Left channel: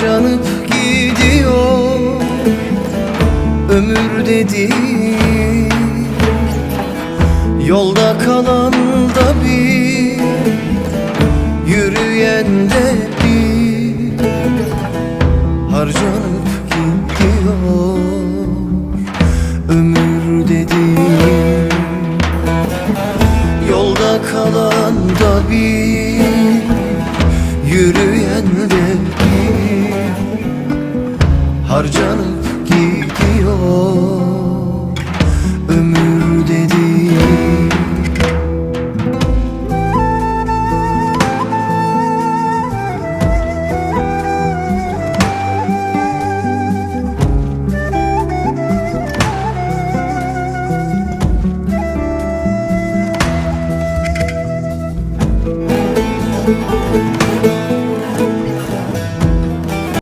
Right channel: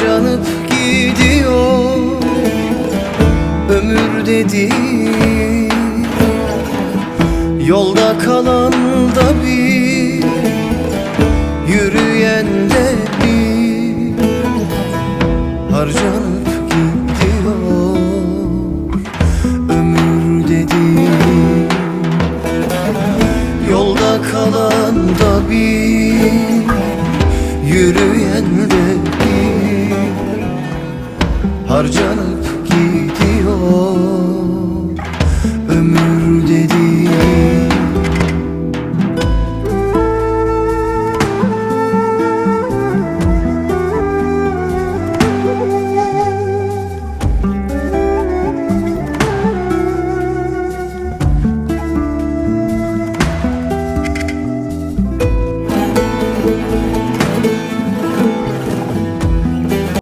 Canıp gidiyor ömür dedi. Yolda kalan da bir Yürüyen de bir. Harcanıp gidiyor ömür dedi. Yolda kalan da bir Yürüyen de bir harcanıp gidiyor Ömür dediğin